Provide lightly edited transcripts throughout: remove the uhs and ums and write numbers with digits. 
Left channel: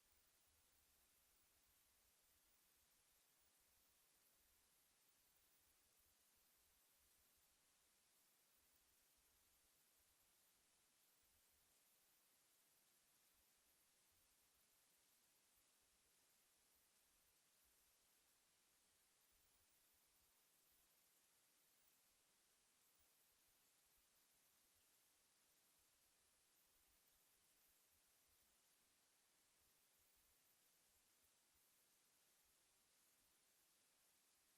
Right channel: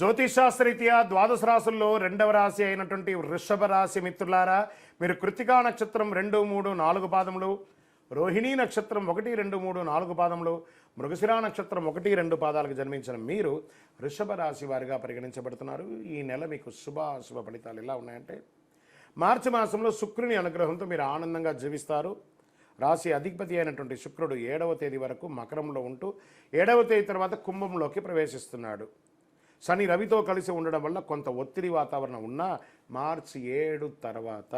జ్యోతిషాస్త్రరీత్యా ద్వాదశ రాశుల్లో రెండవ రాశి అయినటువంటి వృషభ రాశి మిత్రులారా, మీరు కృత్తికా నక్షత్రం 2, 3, 4 పాదములు, రోహిణీ నక్షత్రం 1, 2, 3, 4 పాదములు, మృగశిరా నక్షత్రం 1, 2 పాదాలకు జన్మించిన మీరు వృషభ రాశి వారిగా పరిగణించబడుతున్నారు. ఈ నెల మీకు శుభాశుభ ఫలితాలు ఎలా ఉన్నాయంటే, మార్చి మాసంలో శుక్రుని అనుగ్రహంతో మీరు ఆనందంగా జీవిస్తారు. రాశి అధిపతి అయినటువంటి శుక్రుడు 7వ తేదీ వరకు మకరంలో ఉంటూ 7వ తేదీ తర్వాత కుంభంలోకి ప్రవేశిస్తున్నాడు. శని రవితో కలిసి ఉండడం వల్ల కొంత ఒత్తిడి వాతావరణం ఉన్నా మార్చి 7 తర్వాత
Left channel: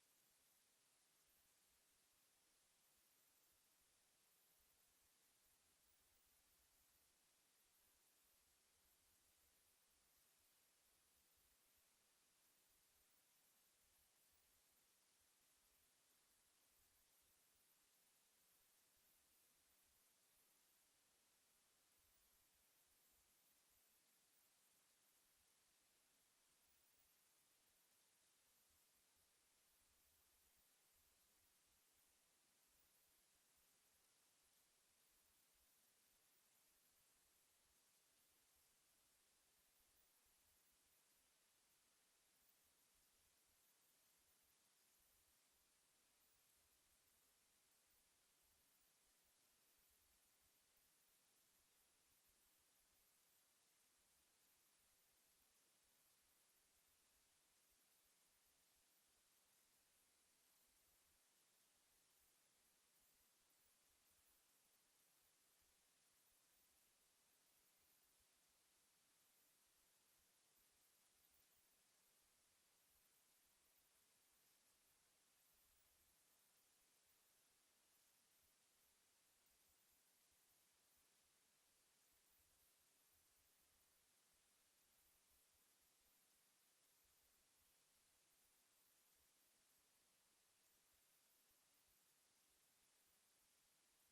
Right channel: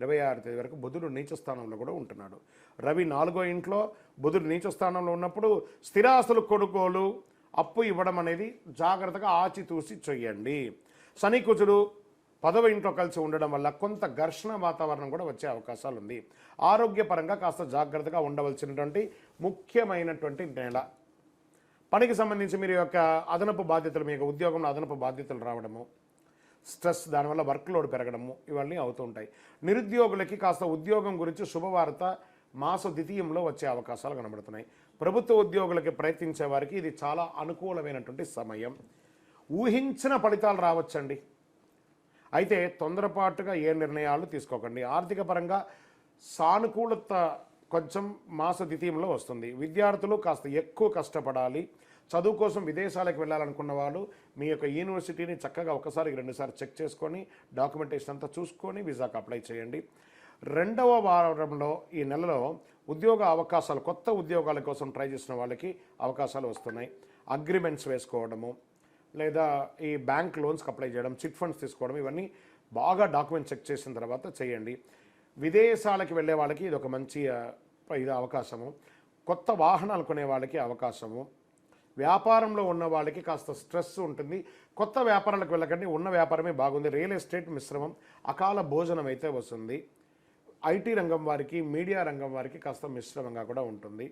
26 తేదీ వరకు బుధుడు నీచ స్థానంలో కూడా ఉంటున్నాడు. రవి 4వ ఇంట్లో, బుధుడు నీచ స్థానంలో ఉన్నప్పుడు స్థిరాస్తులు కొనుగోలు, అప్పు ఇవ్వడం అనేది జాగ్రత్తగా ఆచితూసి చేయండి. శని కుజుడు 10వ ఇంట్లో కలిసి ఉండడం వల్ల కొంత ఘర్షణ వాతావరణం కూడా వచ్చే అవకాశాలు ఉంది. ఆరోగ్యపరంగా కాస్త జాగ్రత్తగా ఉండవలసినటువంటి ముఖ్యమైనటువంటి నెల. పనికి సంబంధించి మీరు యొక్క అదనపు బాధ్యతలు, మీ యొక్క ఉద్యోగంలో అదనపు బాధ్యతలు రావడము, స్ట్రెస్, దానివల్ల వర్క్ లోడ్ పెరగడము, ఇవన్నీ అవుతూ ఉంటాయి. నిరుద్యోగులకి కాస్త ఉద్యోగం గురించి శుభవార్త మాస ద్వితీయంలో వచ్చే అవకాశాలు కనబడుతున్నాయి. ప్రభుత్వ ఉద్యోగులకి ప్రయత్నించే వారికి ఇది చాలా అనుకూలమైనటువంటి సమయం. ఊహించిన ఫలితాలు రావచ్చండి. అయితే తొందరపాటుగా ఏ నిర్ణయాలు తీసుకోకండి. ఆర్థిక పరంగా సానుకూలత కొంచెం మాస ద్వితీయంలో వస్తుంది. విద్యార్థులు కాస్త ఎక్కువ కష్టపడాలి. చదువు కోసం విదేశాలకు వెళ్ళాలనుకున్న వాళ్ళు మీ యొక్క యూనివర్సిటీని చక్కగా ఒకసారికి 2 సార్లు చెక్ చేసుకొని డాక్యుమెంటేషన్ అంతా చూసుకొని వీసాకు అప్లై చేయండి. 2వ వారంలో ఈ నెలలో ఉద్యోగ అవకాశాలు, కొత్త ఉద్యోగాల కోసం ట్రై చేసిన వాళ్ళకి అవకాశాలు వస్తున్నాయి. అగ్రిమెంట్స్ వేసుకోవడము, లేదా ఈ బ్యాంక్ లోన్స్కి అప్లై చేయడం, చిట్ ఫండ్స్ తీసుకోవడం, ఇవన్నీ బాగా డాక్యుమెంట్ చెక్ చేసిన తర్వాత చేయండి. విదేశాలకు వెళ్ళే వాళ్ళకి ఇది ఒక మంచి అవకాశము. కొత్త వాహనాలు కొనే వాళ్ళకి అవకాశము. వ్యాపారంలో ఉన్న వాళ్ళకి కాస్త స్ట్రెస్ ఉంటుంది. కొత్త వ్యాపారాలకు వెళ్ళకండి, ఉన్న వ్యాపారమే బాగుంది. రియల్ ఎస్టేట్ మిశ్రమం, అకాల భోజనం అయితే వస్తుంది. ఐటీ రంగం వారికి, మీడియా రంగం వారికి కాస్త మిశ్రమంగా కూడా ఉంటుంది.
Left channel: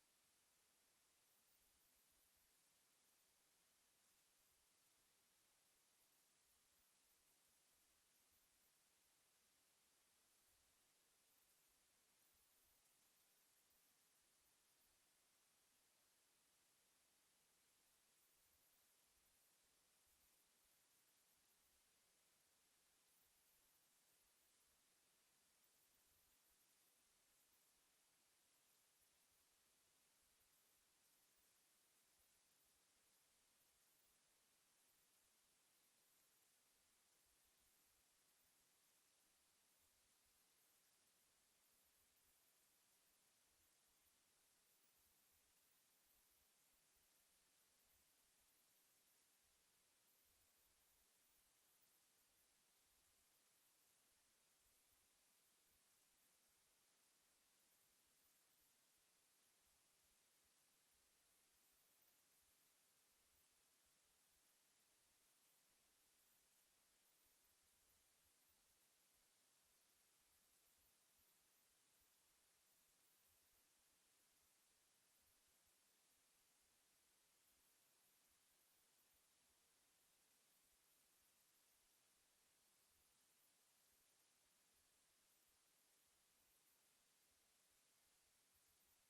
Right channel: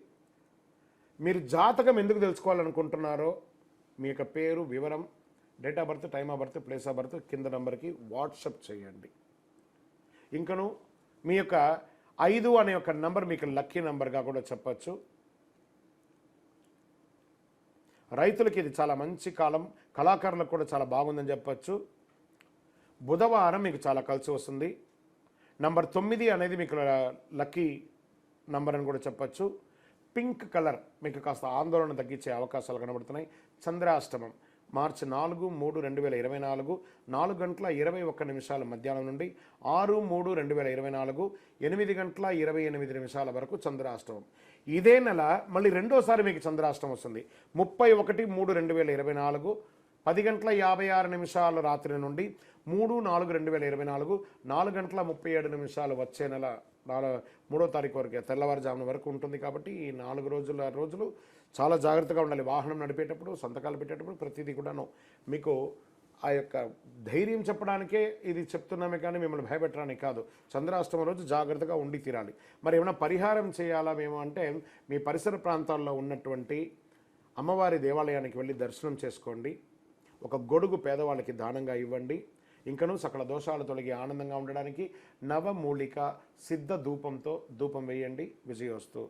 మీరు జాతకం ఎందుకు తెలుసుకోవాలనుకుంటున్నారో మీ యొక్క పేరు, వివరం, date of birth, time of birth, place of birth కింద నంబర్కి వాట్సప్ చేయండి. ఇంకను మీ యొక్క 5 అనే ఒక నంబర్ మీకు లక్కీ నంబర్గా కూడా చెప్పచ్చు. రైతులకి ఇది చాలా మంచి కాలం, కళాకారులకు కూడా చాలా బాగుందని చెప్పచ్చు. బుధవారం మీకు చాలా కలిసి వస్తుంది. నంబర్ 9 అనేది మీకు లక్కీ నంబర్ అని కూడా చెప్పచ్చు. పింక్ కలర్ మీకు కాస్త ఆందోళన తగ్గించే అవకాశాలు కనబడుతున్నాయి. చంద్రాష్టమం మార్చి 4, 3, 2024 4 గంటల 21 నిమిషాల మధ్యాహ్నం నుండి 6, 3, 2024 8 గంటల 28 నిమిషాల వరకు చంద్రాష్టమం. ఇదే నెల మళ్ళీ రెండోసారి మీకు చంద్రాష్టమం వస్తుంది. 31, 3, 2024 10 గంటల 56 నిమిషాల రాత్రి నుండి 3, 4, 2024 4 గంటల 37 నిమిషాలు వచ్చే నెల 3వ తారీఖు వరకు తెల్లవారుజామున వరకు ఉంటుంది. కాబట్టి ఈ 4 రోజులు చాలా జాగ్రత్తగా ఉండాలి. వాహనం నడిపేటప్పుడు, సంతకాలు పెట్టేటప్పుడు ప్రతిదీ కూడాను మీకు ఆ యొక్క ధైర్యం చెప్పడానికే ఇది చెప్తున్నామే కానీ మిమ్మల్ని భయపెట్టడానికి కాదు. చంద్రాష్టమ రోజు జాగ్రత్తగా ఉండి తీరాలి. మరి ఏమైనా పరిహారం చేయాలా మేము అంటే, మీ పరిసర ప్రాంతాల్లో ఉన్నటువంటి అమ్మవారి దేవాలయానికి వెళ్ళి దర్శనం చేసుకోండి. ఒక గొడుగు పేదవాళ్ళకి దానంగా ఇవ్వండి. ఇంకనూ సకల దోషాలు తొలగి ఆనందంగా ఉండడానికి నవమూలిక సిద్ధ ధూపంతో ధూపం వేయండి. విజయోస్తు.